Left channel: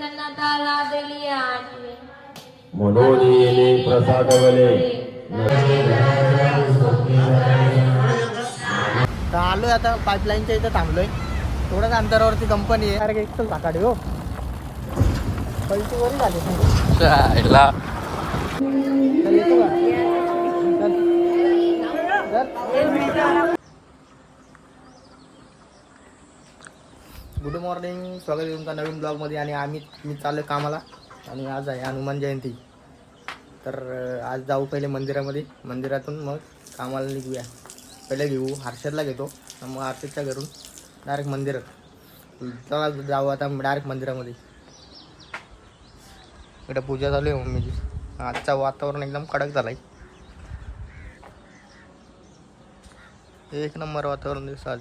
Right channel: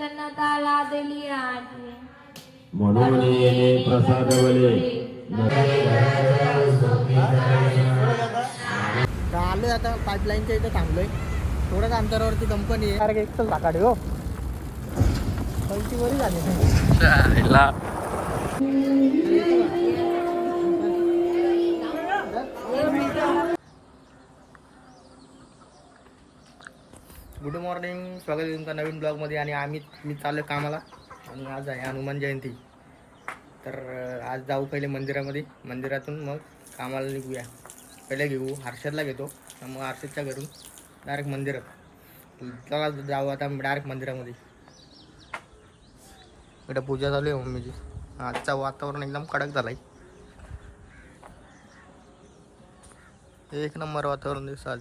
प्रसन्नता आणि म्हणून येणे प्रसादवले आलोय आता पाईपलाईनच्या इथं थांबलोय. थोड्याच अंतरावरती कंपनी आहे. अरे एक साकाडे हो. पलटी वरून झाली. तर येतो का? चल. गुड मॉर्निंग स्वागत आहे तुमच्या नवीन ब्लॉगमध्ये आणि आम्ही मी चाललो कामाला आणि आज आहे हनुमान जयंती. तर आज जाऊ पहिले मंदिरामध्ये. मंदिरातून मग कामाला निघूया. पहिले घेऊ हर्षदला घेतो. मग हर्षदच्या घरून डायरेक्ट मंदिरात. चला जाऊ आता डायरेक्ट मंदिरामध्ये. इकडे पूजा चालू आहे मम्मीची. आजचं वातावरण एकदम कडक झालं आहे एक नंबर वातावरण दिसतं आज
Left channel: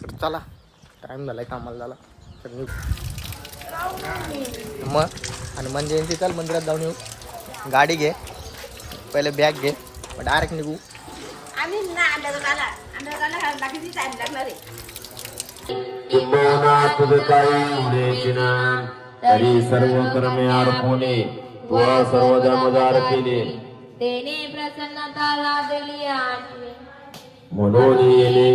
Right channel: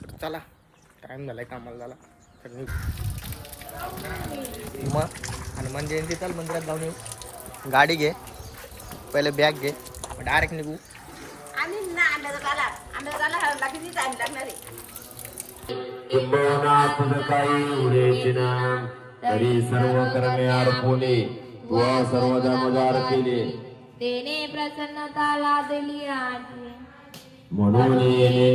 तर चला. टाईम झाला आहे कामाला झाला तर मग आणि मन जयंती चाल मंदिरात जाऊन येऊ. गाडी घे. पहिले बॅग घे. डायरेक्ट निघू. तरी सर्व कर्मे अर्पणे तुला सर्वदा मदार केले. तेने प्रसन्नता लादली आणि म्हणून येणे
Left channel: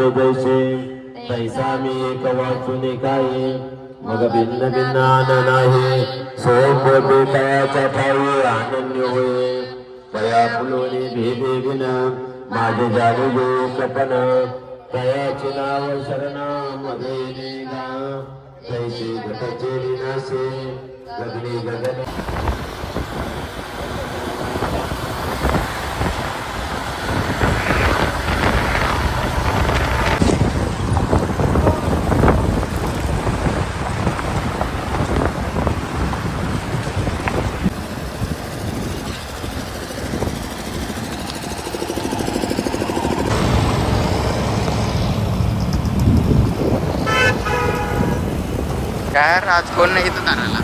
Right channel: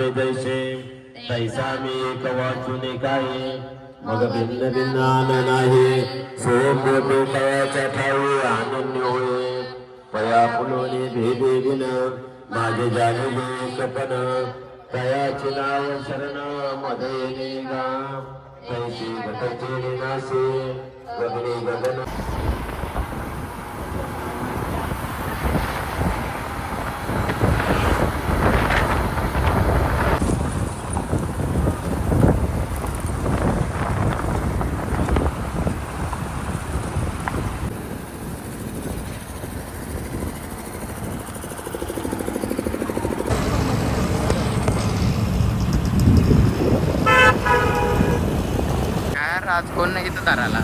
आपण जैसे तैसा मी एक वाचून काय मग भिन्न भिन्न आनंद नाही स्वयं तयाचा ठाऊ आनंद होय. तया फुलोनी भेदे विन माझे जाणे जो कपन तयाचे नाव शरणमध्ये निघा. तैसे घटचे विनाशे गगने गगन यार आज कोण नाही इथं ताराला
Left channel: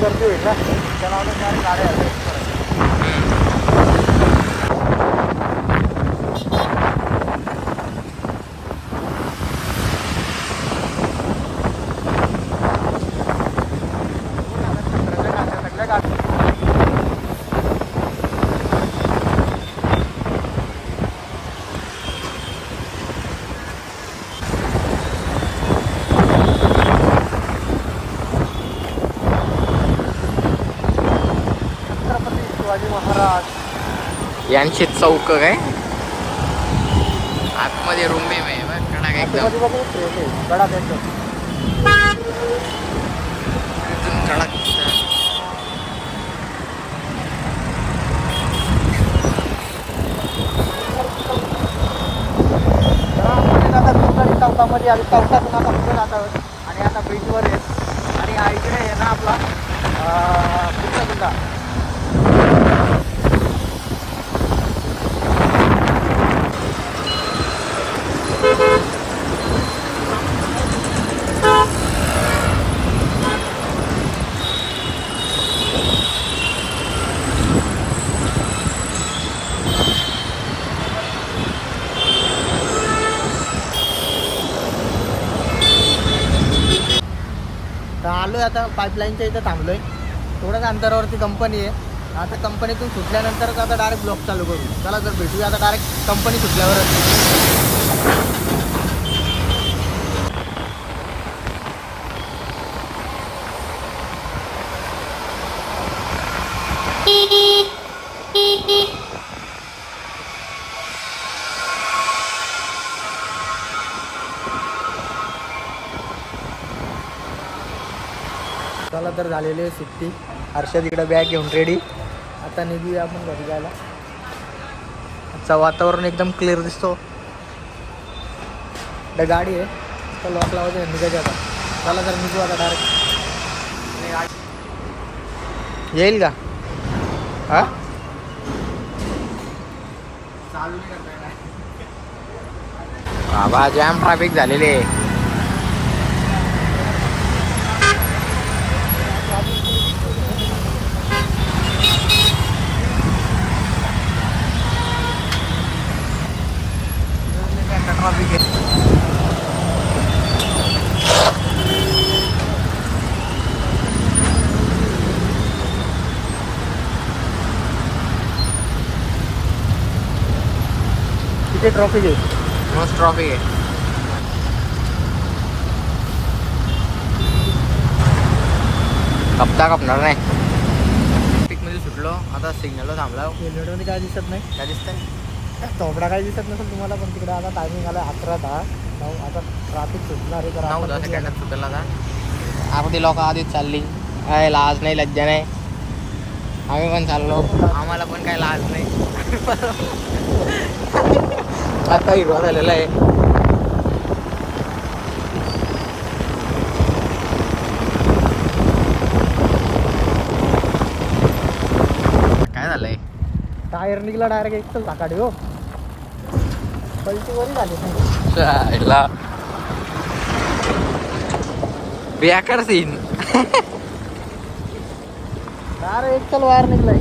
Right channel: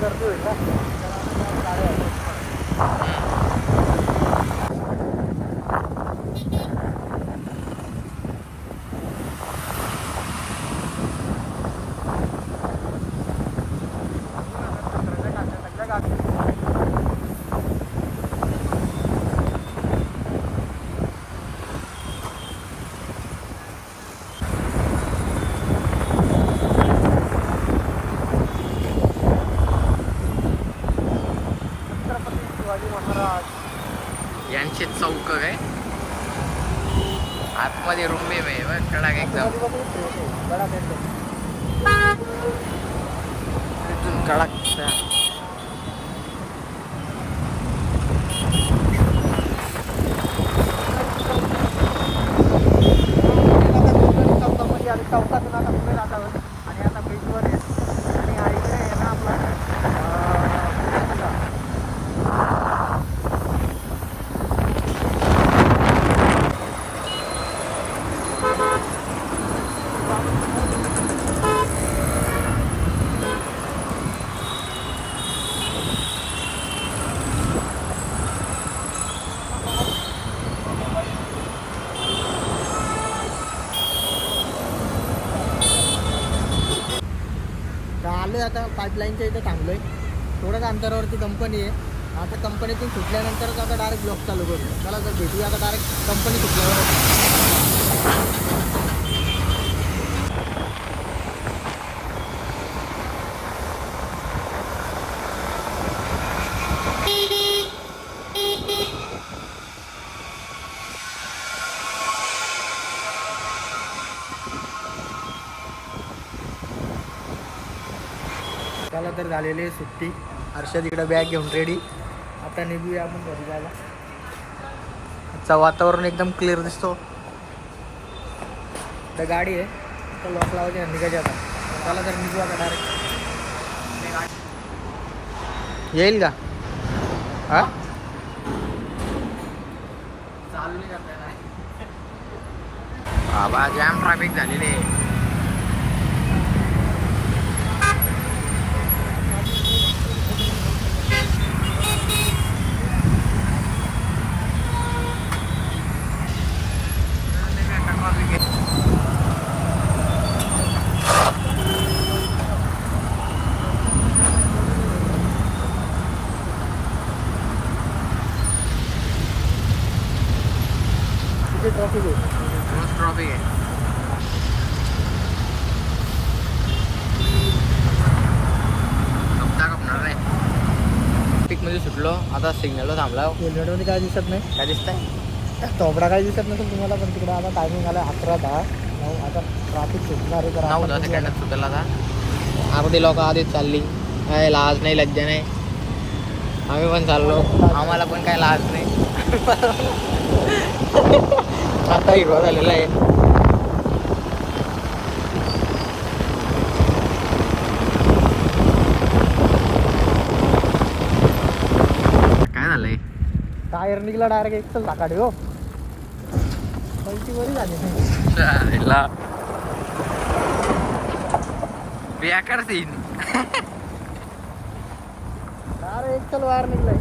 गर्दी होईल ना. यांची चौक काय आतमध्ये रूम मे आहे कडक एकदम गडा द्यायचं तिथून कडक आता दुसऱ्या चौकामध्ये आम्ही चौकातून आता पुढे जातो आणि आता बीचवर आहे आणि हा इकडे आहे ना आपला अं, चित्रकूट. चाललोय आता पाईपलाईनच्या इथं थांबलोय. थोड्याच अंतरावरती कंपनी आहे. आता कंपनीतून सुटल्यानंतरच आता डायरेक्ट ब्लॉक चालू करू. चला जर भेटूया आता डायरेक्ट कंपनी सुटल्यावरच. चला तर झालेली आहे सुट्टी. हर्षद इकडं बॅग घेऊन रेडी आता निघूया आपण घरी जायला. आजचं वातावरण एकदम क्लिअर दिसतो. तर गाडी आहे. तर लॉक लावायचे निघायचे आता. चला तर निघू आता डायरेक्ट येईल का? हा? बाबा जाम ट्रॅफिक झालेली आहे. ट्रॉफिक आहे किती ट्रॉफिक आहे मस्त ट्रॉफिक आहे. कपता कपणार नाही. मध्ये सुटलो. आता सिग्नलला थांबला हेल्मेटमध्ये काय दिसत नाही? काय दिसतंय? तोबडा काय दिसत नसेल तुम्हाला पण तिकडे आता टायमिंग आला अकरा दहा. नऊ आता ट्रॅफिक सुटणार आहे तर नऊ दहा. सेकंदात सुटेल आता. आपली लोक आधीच चालली. काय लाज नाही लज्जा नाही. आम्ही पण चाललो. आम्हाला पण काय लाज नाही. आता हिरवा झालेला आहे. काय झालंय? टायर निघला डायरेक्ट एक तर टाकाडी हो. बेकार सीन अरे एक चल वायर निघलाय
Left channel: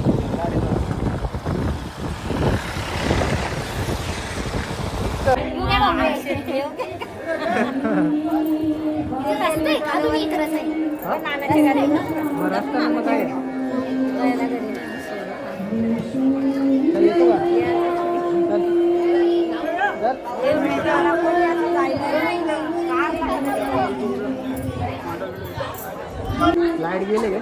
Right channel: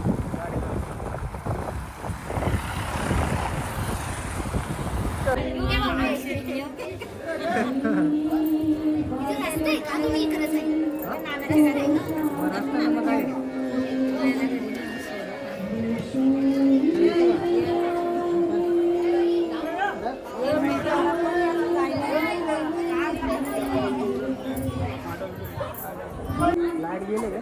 मग रस्ता मग काय അടിപൊളിയാ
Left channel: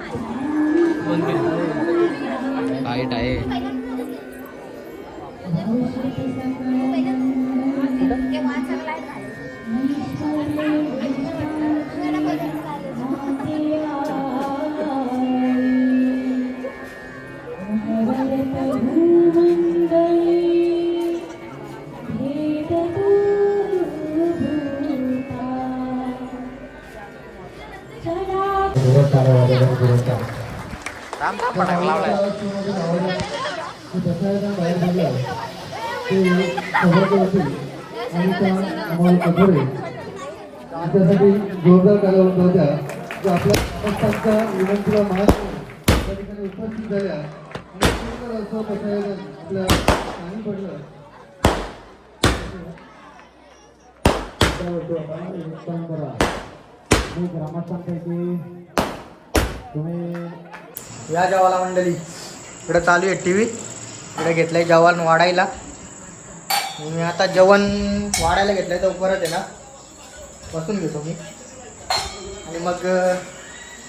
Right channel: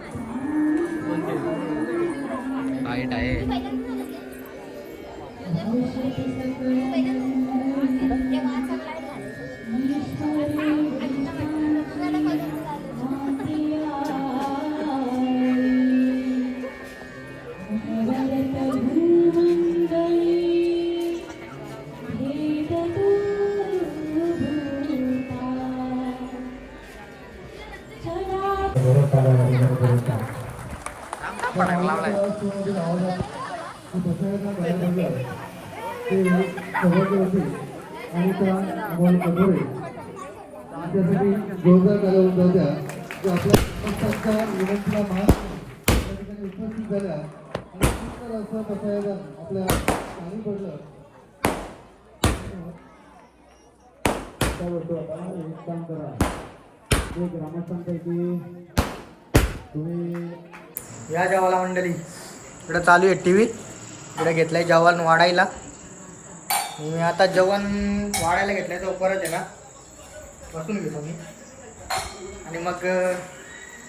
लावलाय त्यासाठी जोरदार टाळ्या होत्या की आपल्या संस्थांच्या विनंतीला मान त्या ठिकाणी उपस्थित झाल्या आणि सुंदर असं पसायदान आपल्या पाणी पडलं करा ग्रामस्थांपैकी तुम्ही या जवाला मंडळी. इकडं चालू आहे टी व्ही इकडे घेतलंय जेवण वाढायला. मी आता जेवण वाढायला घेतलंय तर परत आहे ना. बसून घेतो मी. आणि मग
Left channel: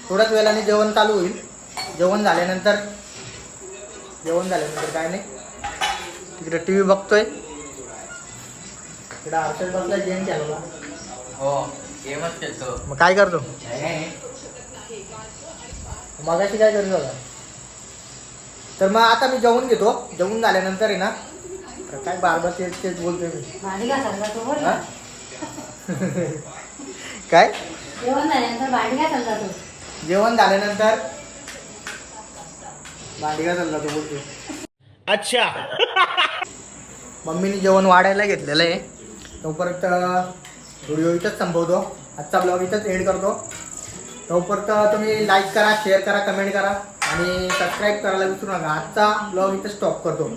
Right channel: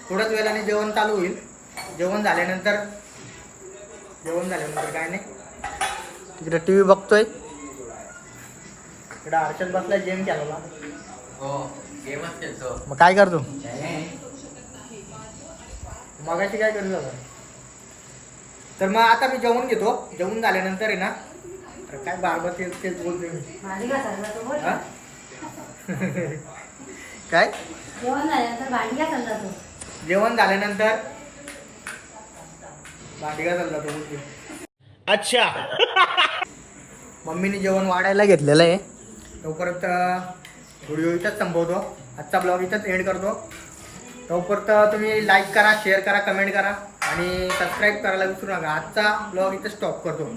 थोड्याच वेळाने जेवण चालू होईल. जेवण झाल्यानंतर जेवण झाल्यानंतर काय नाही. तिकडे टी व्ही बघतोय. इकडे हर्षद बसलाय गेम खेळायला. हो गेमच खेळतो. मग काय करतो? मगाशी काय करत होता? तर मग आता मी जेवण घेतो. जेवण झाल्यानंतर आहे ना अरे काय बारबार तेच तेच बोलतोय मी. हा? काय? जेवण झाल्यानंतर भांडी काय चालता तू? जेवण झाल्यानंतर चालला तो बोलते अच्छा. मम्मीने जेवण वाढायला घेतलेलं आहे. तोपर्यंत व्हिडिओ इथंच संपवतो आजचा ब्लॉग इथंच एंड करतो. तोपर्यंत तुम्ही लाईक करा शेअर करा कमेंट करा आणि सबस्क्राईब करायला विसरू नका. आजचा ब्लॉग इथं स्टॉप करतो.